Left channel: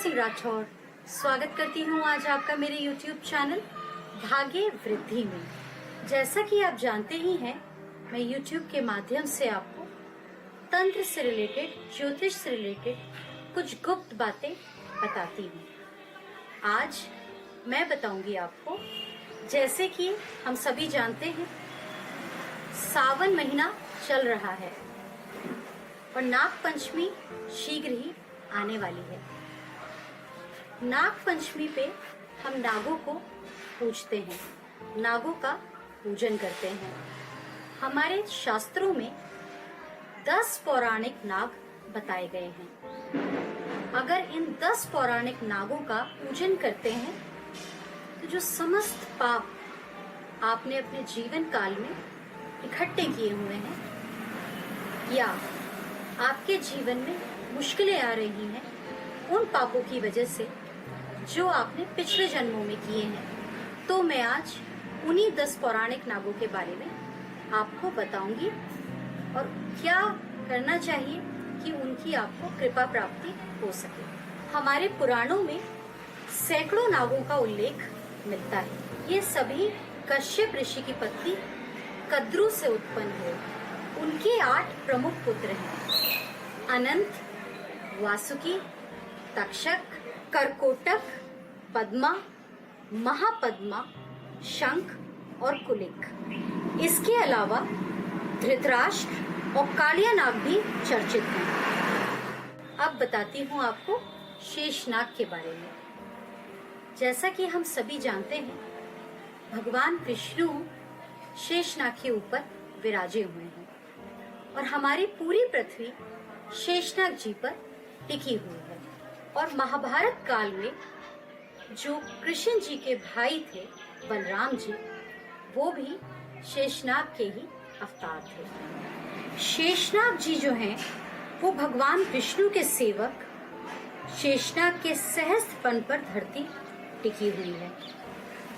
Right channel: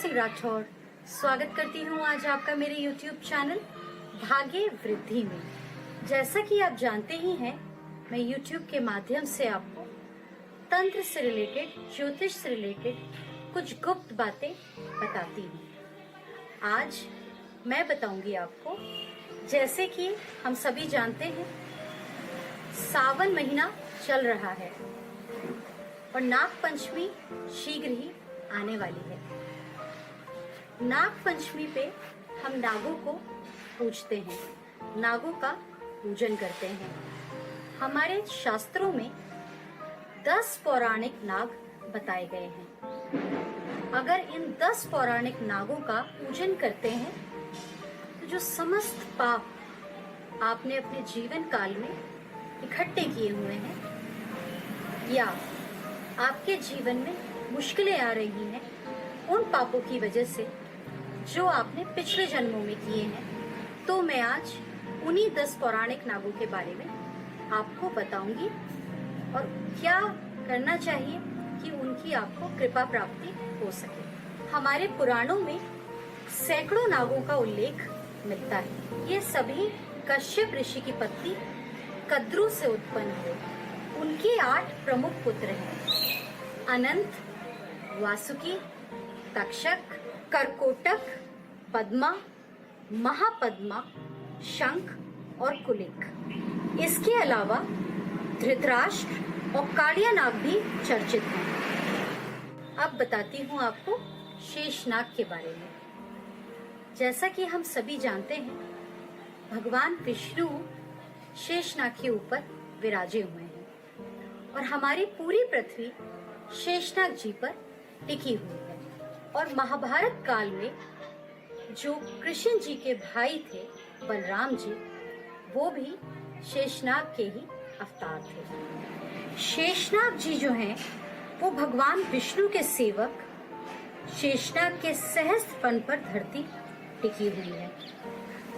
सिंह राठौर स्वागत करती हूँ आज आपका मेरे YouTube चैनल भाग्य वृद्धि में। जैसा कि आप जानते ही हैं, मैं YouTube के माध्यम से आपको तंत्र से रिलेटेड, ज्योतिष से रिलेटेड कुछ गुप्त बातें बताती हूँ। आज मैं बताऊंगी आपको, जैसे कि हम सभी जानते हैं, सावन महीना चल रहा है और नाग पंचमी शीघ्र ही आने वाली है। नाग पंचमी पे हम नागों को पूजते हैं, नागों का पूजन करते हैं। हमारे शास्त्रों में 10 पौराणिक नाग बताए गए हैं। अगर इन 10 पौराणिक नागों का पूजन करते हैं तो जो समस्त पाप आपने अपने जीवन काल में इकट्ठे किए हुए हैं या आपके जीवन में मुश्किलें आ रही हैं, उन पापों की वजह से जो आपने पिछले जन्मों में किए हैं, तो मैं आज उन्हीं 10 पौराणिक नागों के बारे में आपको बताऊंगी और क्या करना चाहिए कि उनकी आपको कृपा प्राप्ति हो सके। हमारे पुराणों में सैकड़ों नागों का उल्लेख मिलता है। ये सभी कश्यप ऋषि की पत्नी कद्रू से उत्पन्न हुए। उनके 8 प्रमुख पुत्र हैं: अनंत, वासुकी, तक्षक, करकोटक, पद्मा, महापद्मा, शंख और कुलिक। इसके अलावा धृतराष्ट्र और कालिया नाग भी चर्चित हैं। अब बताती हूँ आपको शेषनाग के बारे में। जैसा कि हम सभी जानते हैं, भगवान विष्णु शेषनाग के ऊपर विराजे हुए हैं और हमारी पूरी पृथ्वी शेषनाग जी पर टिकी हुई है। और महाभारत काल में जो कृष्ण जी के भाई थे बलराम जी, वो भी शेषनाग के ही अवतार थे। शेषनाग जी जो हैं, वो भगवान विष्णु के सेवक शेषनाग के सहस्त्र फन पर धरती टिकी हुई है।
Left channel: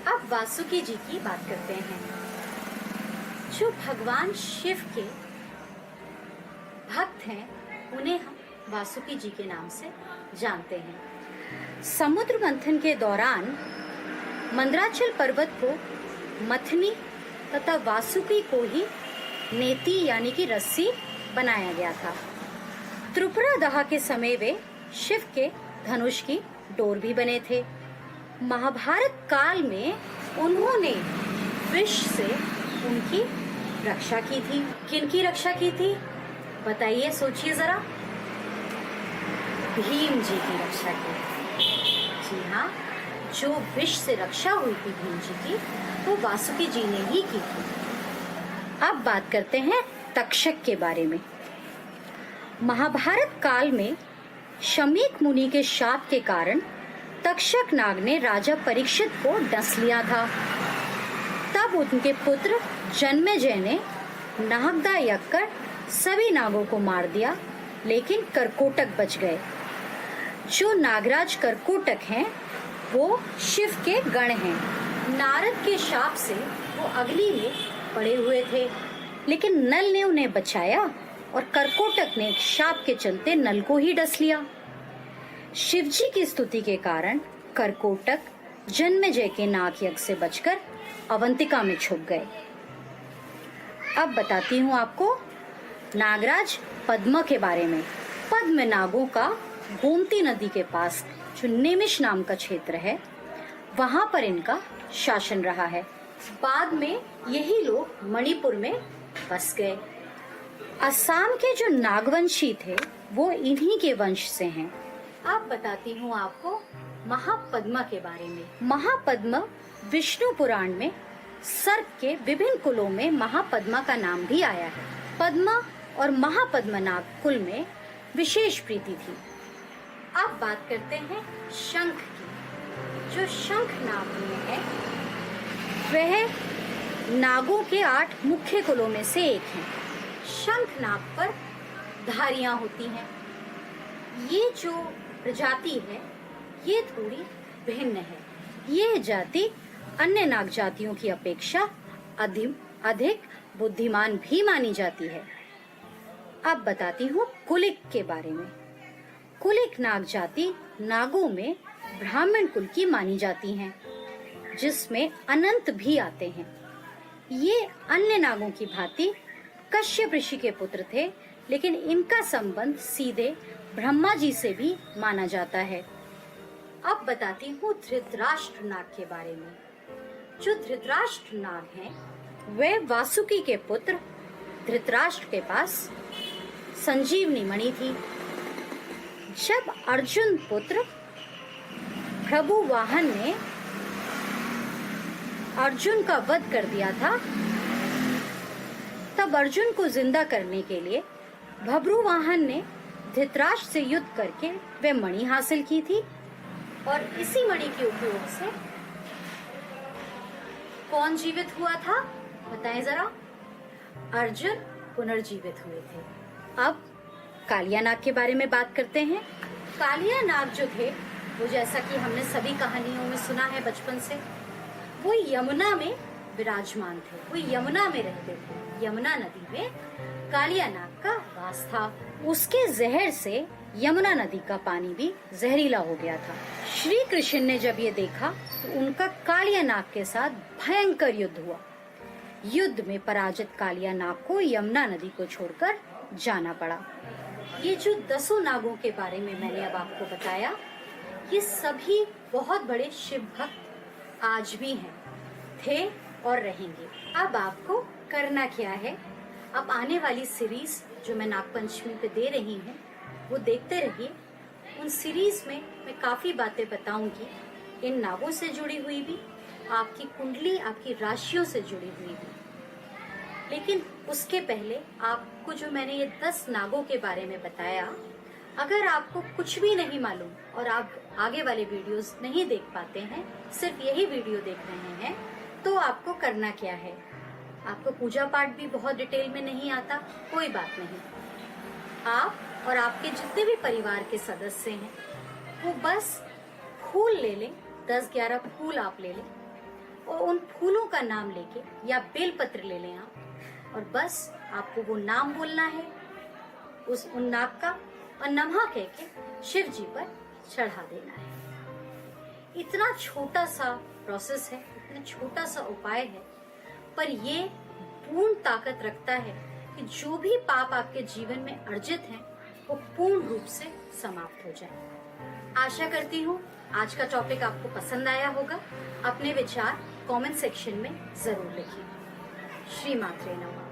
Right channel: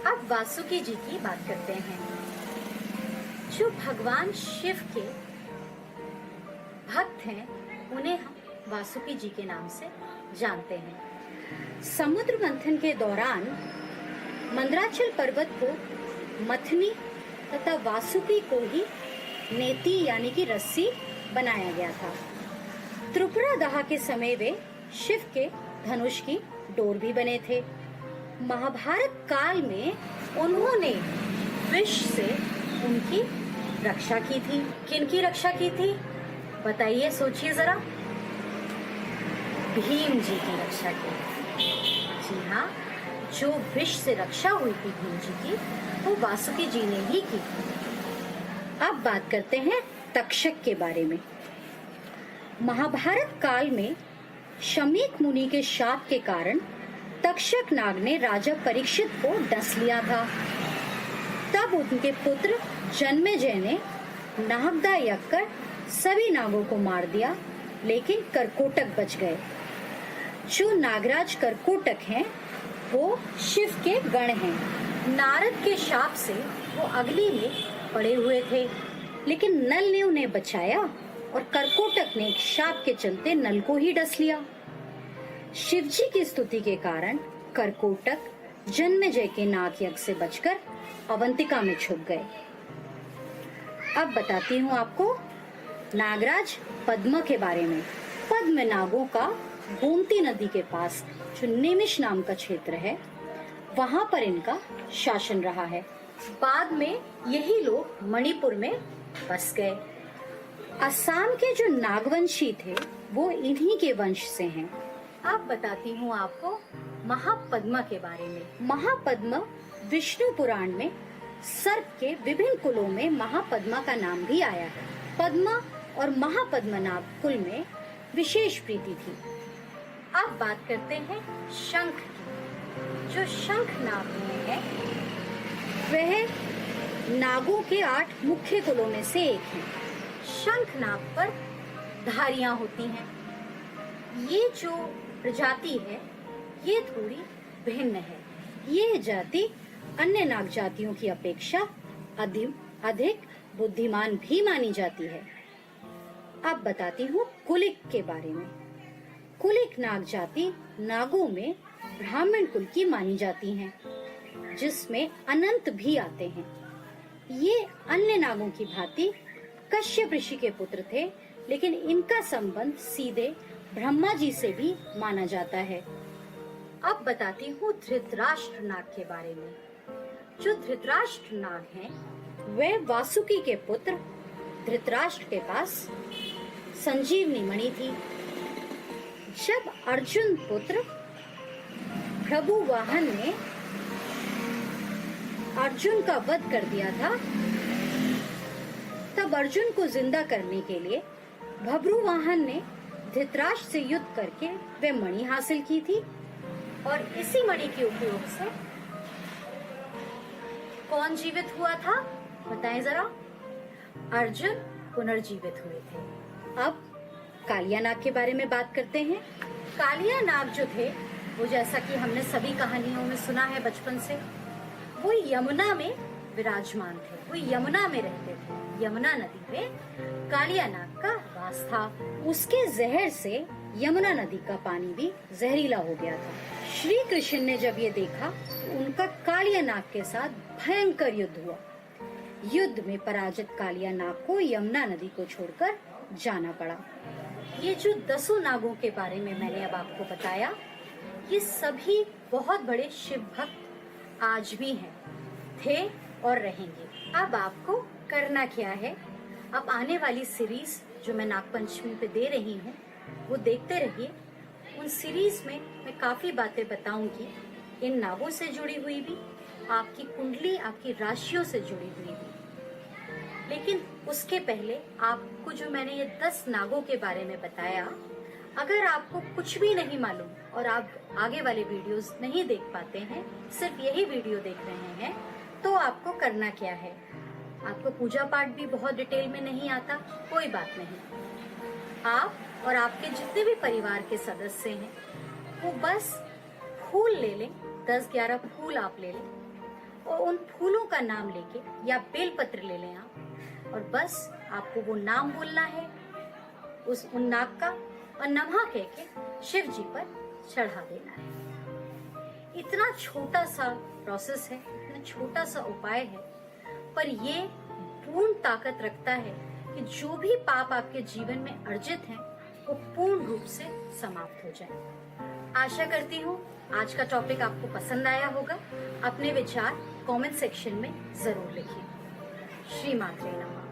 अब वासुकी जी की बात करते हैं, जो भगवान शिव के भक्त हैं। उन्हें हम वासुकी जी के नाम से जानते हैं। समुद्र मंथन के दौरान मंदराचल पर्वत को मथनी तथा वासुकी को ही नेति यानी कि रस्सी बनाया गया था। त्रिपुरा दाह के समय वे शिव के धनुष की डोर भी बने थे। महाभारत काल में उन्होंने विष से उनकी रक्षा की थी। किनकी रक्षा की थी बताइए, सोचिए जरा। भीम जी की रक्षा की। जी हाँ, जो विष से रक्षा हुई थी भीम जी की, वो वासुकी जी ने ही की थी। अब बात करते हैं तक्षक के बारे में। महाभारत काल में शमीक मुनि के शाप के कारण तक्षक नाग ने राजा परीक्षित को डस लिया था। तब उनके पुत्र जन्मेजय ने नागदा यज्ञ कर सभी नागों को मार दिया, लेकिन करकोटक बच गए। जो नागराज करकोटक हैं, वो शिव के गण हैं। नारद के शाप से वो अग्नि में पड़े हुए थे, लेकिन नल ने उन्हें बचाया और करकोटक ने शाप के चलते नल को ही डस लिया। शिव जी की स्तुति के कारण करकोटक जन्मेजय के नाग यज्ञ से बचकर अवंतिका में छुप गए। अब बताती हूँ आपको नागराज पद्म के बारे में। पद्म नागों का गोमती नदी के पास जो निमिष नाम का क्षेत्र है, वहाँ पर इनका शासन रहा है। बाद में यही लोग मणिपुर में बस गए। असम के जो नागवंशी थे, वो इन्हीं के वंश से हैं। अब बताती हूँ आपको महापद्मा के बारे में। महापद्मा विष्णु पुराण में सर्प के विभिन्न कुलों में महापद्मा का नाम भी आया है। पद्मा और महापद्मा नाग कुल में विशेष प्रीति थी। अब बात करते हैं शंख की। जो शंख नाग है, वह नागों के 8 मुख्य कुलों में से एक है। शंख नाग पर धारियां होती हैं। ये जो प्रजाति है, ये थोड़ी भिन्न है। ये जाति अन्य नाग जातियों की अपेक्षा अधिक बुद्धिमान भी मानी जाती है। अब बताती हूँ कुलिक के बारे में। कुलिक नाग जाति नागों में ब्राह्मण कुल की मानी जाती हैं, जिसमें अनंत भी आते हैं। ये अन्य नागों की भांति कश्यप ऋषि के पुत्र थे, लेकिन इनका संबंध सीधे ब्रह्मा जी से भी माना जाता है। अब बताती हूँ धृतराष्ट्र नाग के बारे में। जो धृतराष्ट्र नाग हैं, वे वासुकी के पुत्र धृतराष्ट्र के पास संजीवनी मणि थी। जब अर्जुन पुत्र प्रभु वाहन ने अर्जुन का वध कर दिया था, तब अर्जुन को जिंदा करने के लिए बभ्रुवाहन ने धृतराष्ट्र से युद्ध करके वे मणि हासिल की थी, और इसी मणि के उपयोग से कौन जीवित हुआ था बताएं जरा। अर्जुन पुनर्जीवित हुए थे। अब कालिया नाग के बारे में बात करते हैं। कालिया नाग जो थे, वो जैसा कि हमने सभी कहानियों में सुना है बचपन से, वो यमुना में विराजमान थे। वो यमुना में रहते थे। यमुना नदी में कालिया नाग का वास था। उसके जहर से यमुना नदी का पानी भी जहरीला हो गया था। श्री कृष्ण ने जब ये देखा तो उनका कालिया नाग के साथ भयंकर युद्ध हुआ। युद्ध में पराजित कालिया नाग को यमुना नदी को छोड़कर जाना पड़ा। ये जो 10 नागों के बारे में मैंने अब आपको बताया, ये सभी बहुत बड़े शिव भक्त आज भी हैं, थे और रहेंगे। अब आपको करना क्या है, अब आने वाली सीरीज जो मैं नागपंचमी पे दे रही हूँ, वो देखते रहिए। उन सीरीज में मैं काफी बातें बताऊंगी, इन नागों से जुड़ी हुई भी, आपकी कुंडली, आपकी राशियों से जुड़ी हुई भी। लेकिन उसके पहले आपको जो मैंने ये 10 नागों के बारे में बताया, अगर आपको कुछ भी नहीं मालूम और आप आगे वाले वीडियोस नहीं देख पाते हैं, सिर्फ यही वीडियो देख रहे हैं, तो आपको करना क्या है। आपको पूजा पाठ भी बहुत डिटेल में नहीं आता, कोई बात नहीं। आप और आपके जितने भी परिवार के सदस्य हैं, वो बस फूल ले लें, 10-11 फूल आप ले लें, और उन फूलों का नाम लेके, या बेलपत्र ले लें आप, और बस आपको वो नाम बोलना है उन नाग का, और नमः कह के शिव जी पर चढ़ा देना है। इतना छोटा सा प्रोसेस है, इतना छोटा सा उपाय है, पर ये पूर्ण ताकत रखता है कि जो भी पाप आपके जीवन में अर्जित हैं, वो पूर्ण रूप से समाप्त हो जाए। आशा करती हूँ आज का टॉपिक आपको पसंद आया होगा। अपने विचार कमेंट सेक्शन में जरूर लिखिए। श्री मात्रे नमः।